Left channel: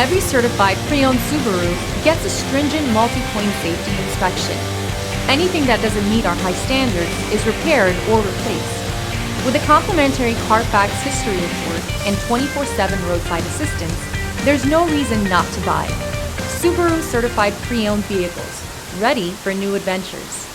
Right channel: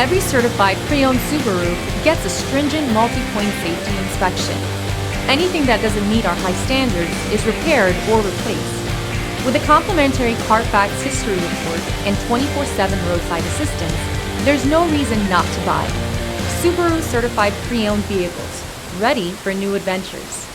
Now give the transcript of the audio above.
Every certified pre-owned Subaru gets a stringent multi-point safety inspection. Anything that doesn't meet our high standards is repaired or replaced. With a complimentary Carfax history report and 24/7 roadside assistance, there's no reason not to buy. Subaru certified pre-owned vehicles, ready for new adventures.